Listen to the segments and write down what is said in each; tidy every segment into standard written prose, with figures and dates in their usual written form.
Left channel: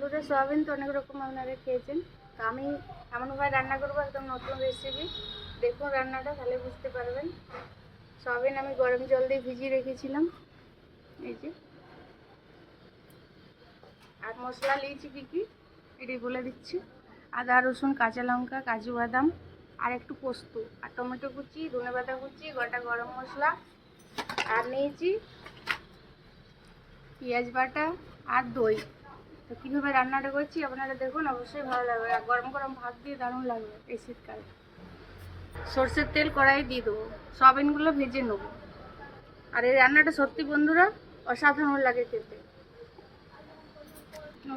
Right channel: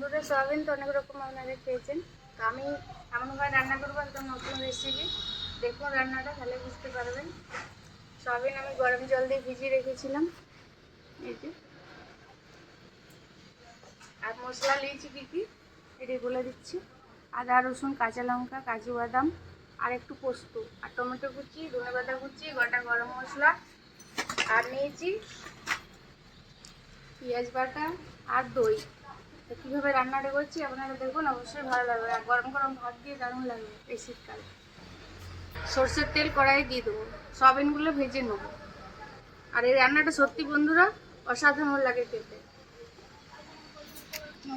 বন্ধুরা, সয়াবিন তো অনেক রকম আপনারা খেয়েছেন। তো আমি এমনভাবে রান্না করবো, একদম নতুন রেসিপি। দেখুন রান্নাটা, তাহলে বুঝতে পারবেন। সয়াবিন আমি গরম জল দিয়ে ভিজিয়ে রেখেছিলাম, এই যে। আর মশলা নিয়েছি কী কী এটি বলে দিচ্ছি। আদা রসুন কাঁচা লঙ্কা কাজু বাদাম আর একটু পোস্ত আর টমেটো কুচি ধনেপাতা কুচি গোটা গরম মশলা আর নিয়েছি পেঁয়াজ বাটা আর দই। তো কীভাবে রান্নাটা করছি আপনারা দেখুন, অবশ্যই ভালো লাগবে। আর গরম গরম ভাত দিয়ে দারুণ লাগবে এই শীতকালে। সর্ষের তেল কড়াই দিয়ে দেবো, সয়াবিনগুলো ভেজে নেবো। আর এই রান্নাটা সত্যি বন্ধুরা অসাধারণ লাগে খেতে।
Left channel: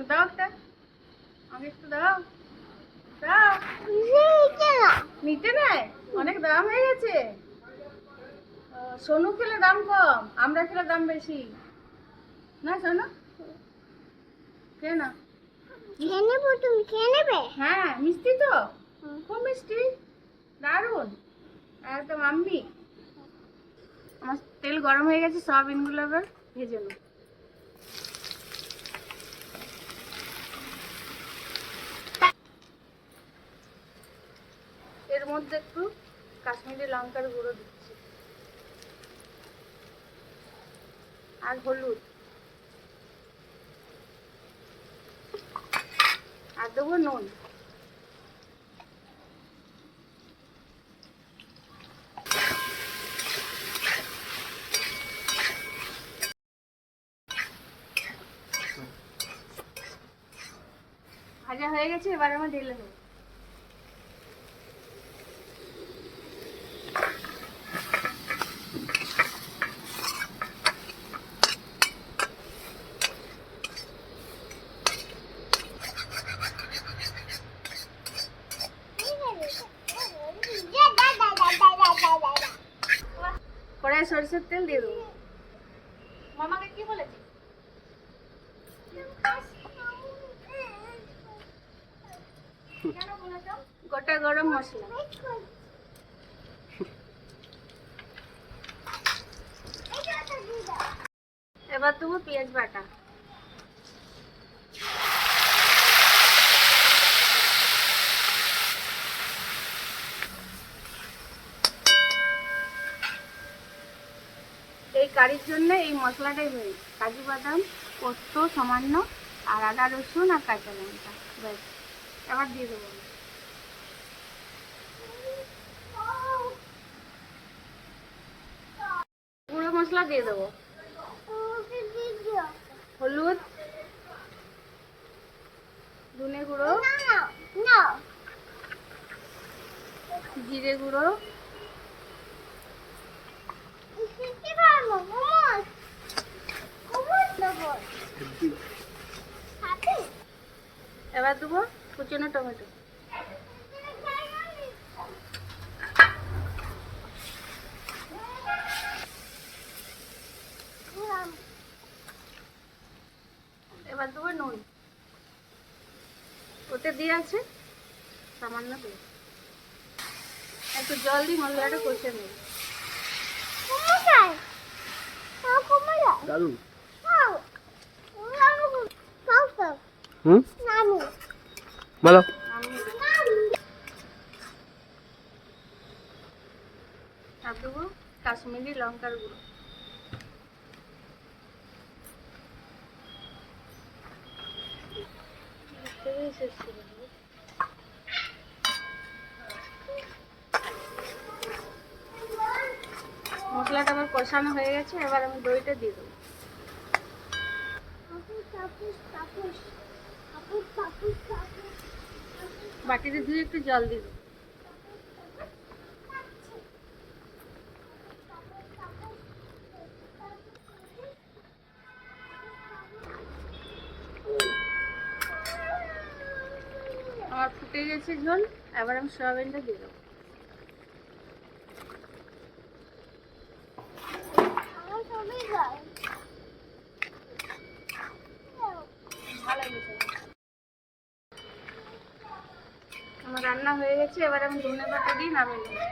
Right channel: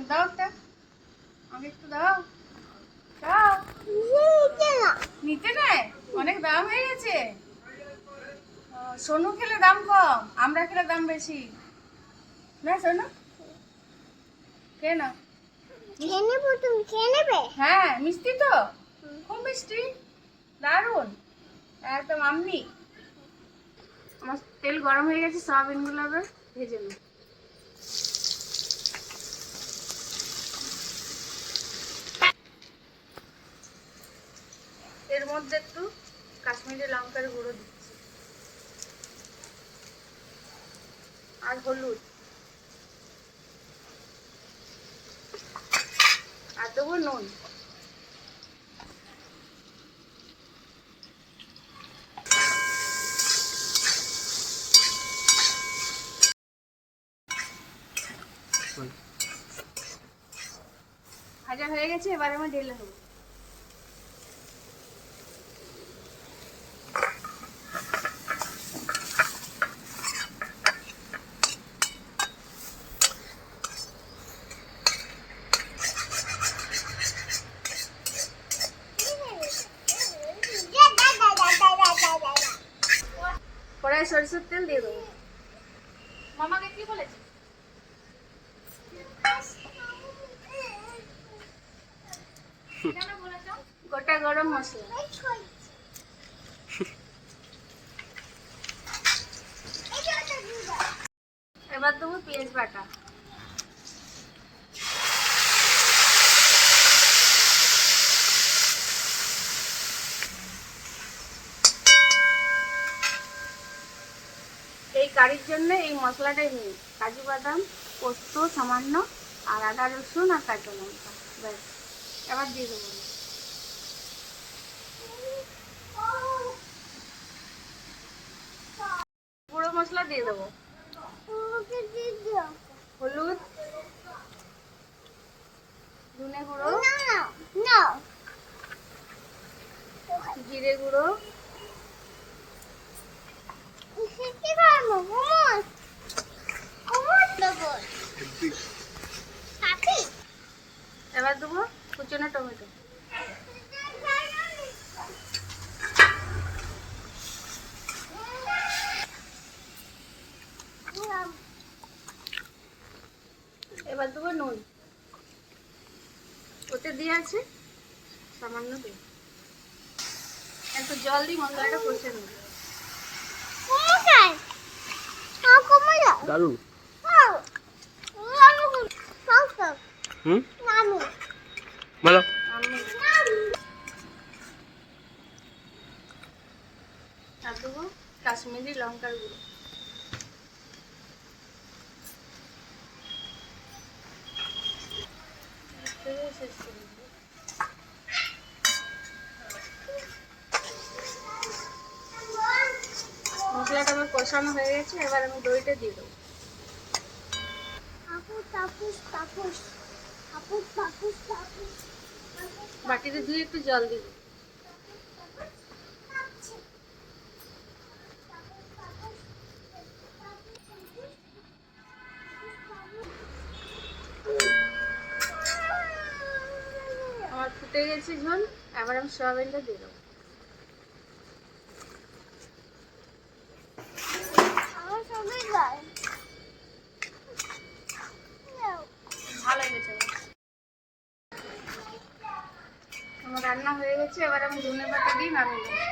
দাও তা আমি একটু দাও দাও। নিতে নেয়, অনেক দাম হয়ে গেছে। সোনু খেলে দাম কম, আমরা খেলে দাম বেশি না। সোনু খেয়ে নাও। খেয়ে নেবো, তুমি খেয়ে নেবে? হ্যাঁ, মিষ্টি তো, খুব মিষ্টি, দারুণ একদম। আমি আমার তেল গরম হয়ে গেছে, সয়াবিনগুলো এবার ভেজে নেব। এর মধ্যে একটু কাশ্মীরি লঙ্কার গুঁড়ো দিচ্ছি আর হলুদ আর দেবো নুন। ভাজা হয়ে গেছে, এবার আমি ঢেলে দেবো। কড়াই সরষের তেল দিয়ে দেবো। মামাকে কি বলেছি? গোটা গরম মশলা, এবার দেবো পেঁয়াজ বাটা, এই কারির জন্য এই মশলাটাই মেন। কাজু বাদাম পোস্ত সামান্য আর আদা রসুন আর কাঁচা লঙ্কা, ব্যাস। এবার দিয়ে দেবো গুঁড়ো মশলা, দিয়ে দেবো হলুদ ধনে গুঁড়ো জিরে গুঁড়ো এবার দেবো কুচনো টমেটো। এবার দেবো নুন, ওতে দিয়ে আছে সামান্য দিয়ে। একটু জল দিয়ে মশলাটা কষে নেব। দারুন। বলো। আর দেবো কাশ্মীরি লঙ্কার গুঁড়ো। শেষ করে দেবো। মশলাটা আবার কষানো হয়ে গেছে, এবার আমি দইটা দিয়ে দেবো। বাটিতে ধুয়ে একটু জল দিব। আমার ফুটে গেছে ঝোল, এবার আমি সয়াবিনটা দিয়ে দেবো। ভালো হয়েছে, আমার রান্না হয়ে গেছে, এবার আমি ধনেপাতা দিয়ে নামিয়ে নেবো।